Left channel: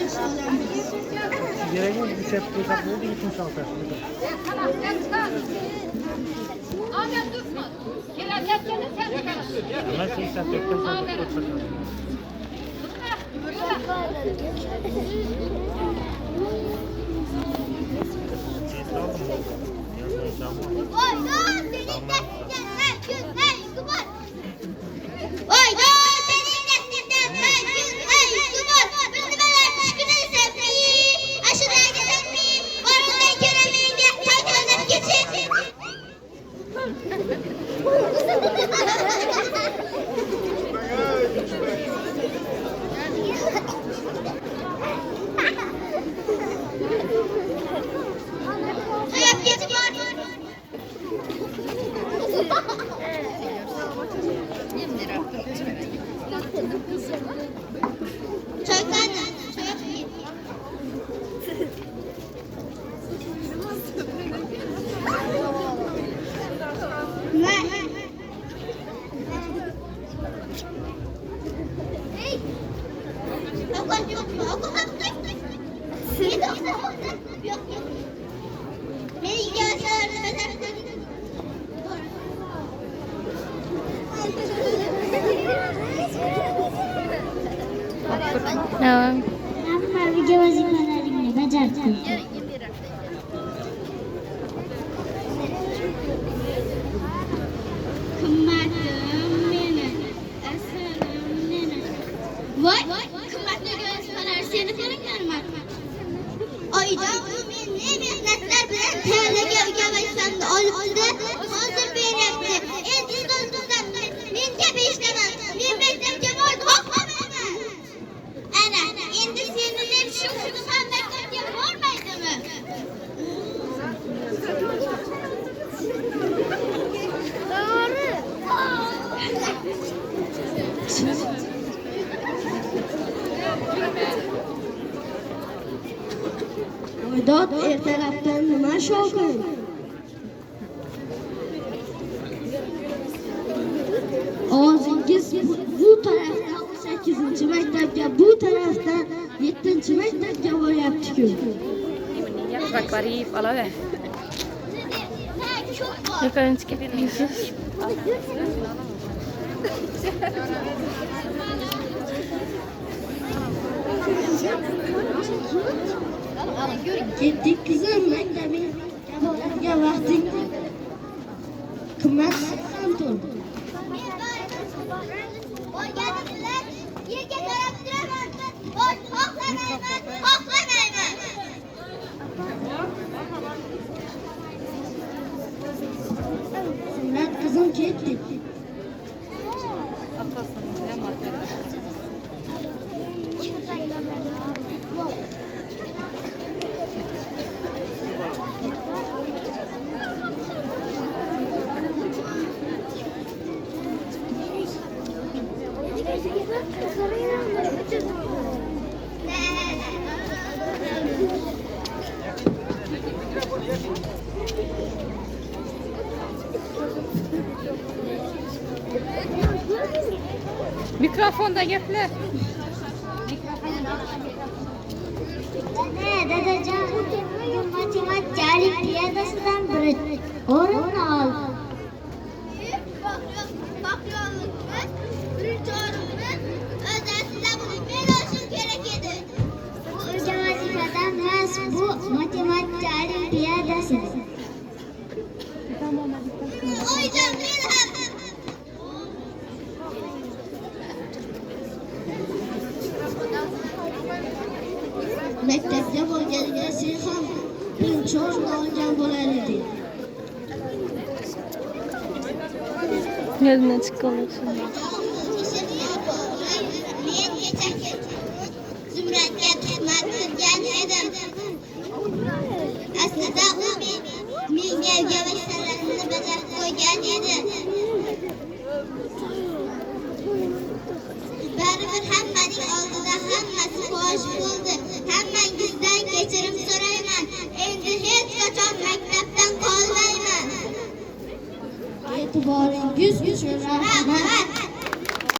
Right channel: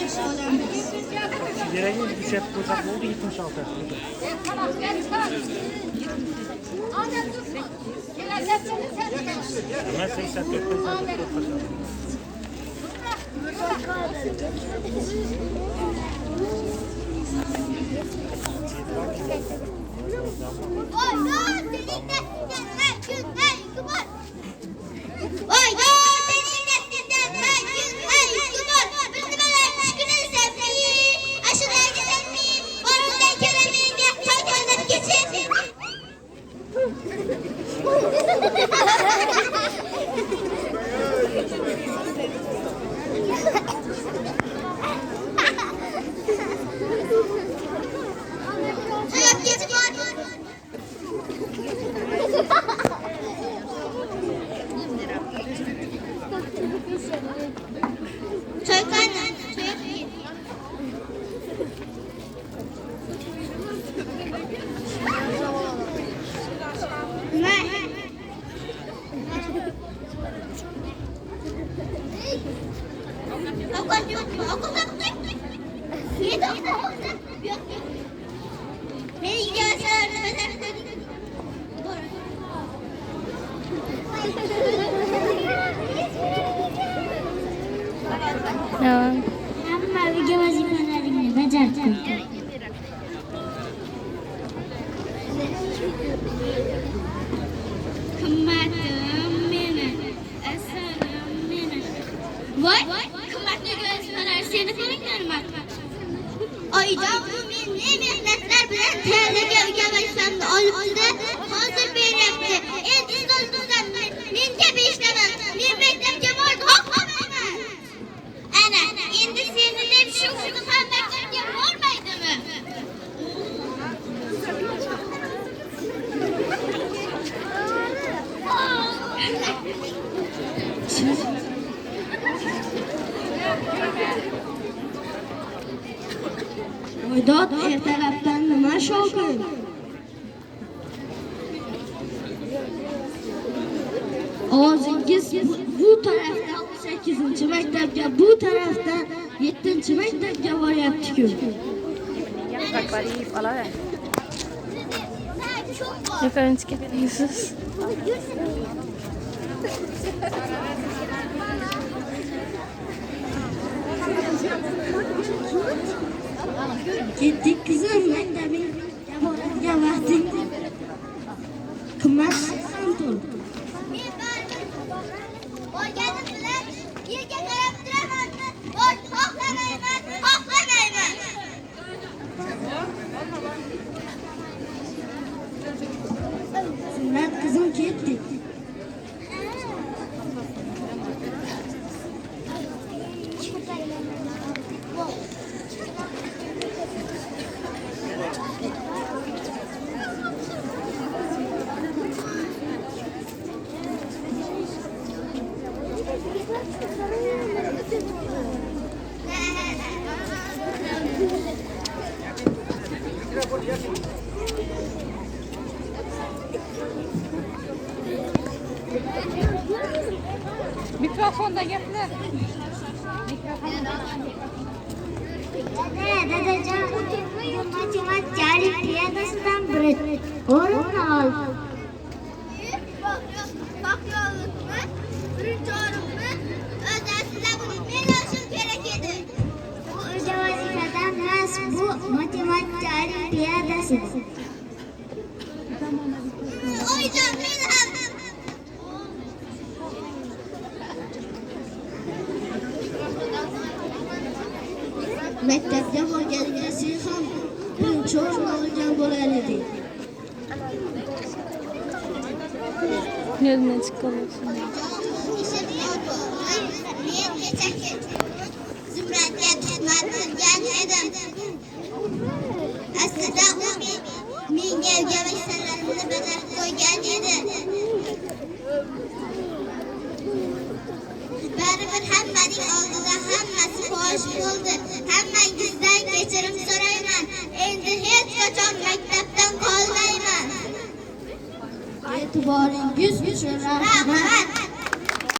yashib olamiz. Yuragim uchab qo'ysak bo'ldi, 76. Ya 84 Tamam. Hamma video vazifalaringni bajarib qo'ydim. Qimmatim meni, asarim meni. Voy, qimmatli vazifalar seni ko'ringlarmi? Oyda u meni mehnatlar bilan tayyorlagan uyga vazifalarni olibdi-da, hozir beryapti. Endi so'zimdan men kabi ishlaman. Men maktabga borib o'qimayman. Ana, endi seni deb shu qizim ham maktabga bormaydimi? Voydod ertalabdan nima shovqin? Ovozingiz bu tarafda 8-maktabga, bu tarafda 7-maktabga boryapti-ku. Akbarib olaver. Yuqorinchi ketdingiz. Ketdik kızım, maktabga boradigan vaqting qimmat ham turdi. Borganim bilan yerga qarab turaman. Xohlamayman, xohlamayman. Surat qizim ketdik. Mikrofonda gaplar. Dadajon, matematika olimpiadasidan o'rin ol. Birinchi o'rinni o'zasidan men olishim kerak edi. Bu o'sha vazifadan emas, bu matematika olimpiadasi. Oyjon, men ham maktabga borganingda sen ham birinchi o'rin olgan bo'lar eding. Yodimdan chiqqan bo'lsin. Men kecha Zumradga tuhmat qilgan edim. Aslida u menga vazifalarni bajarib qo'ygan edi. Baribir hammaning oldida hammasi fosh bo'ldi. Hammangizdan kechirim so'rayman. Endi hech qachon maktabdan qolmayman. E'tiboringiz uchun rahmat.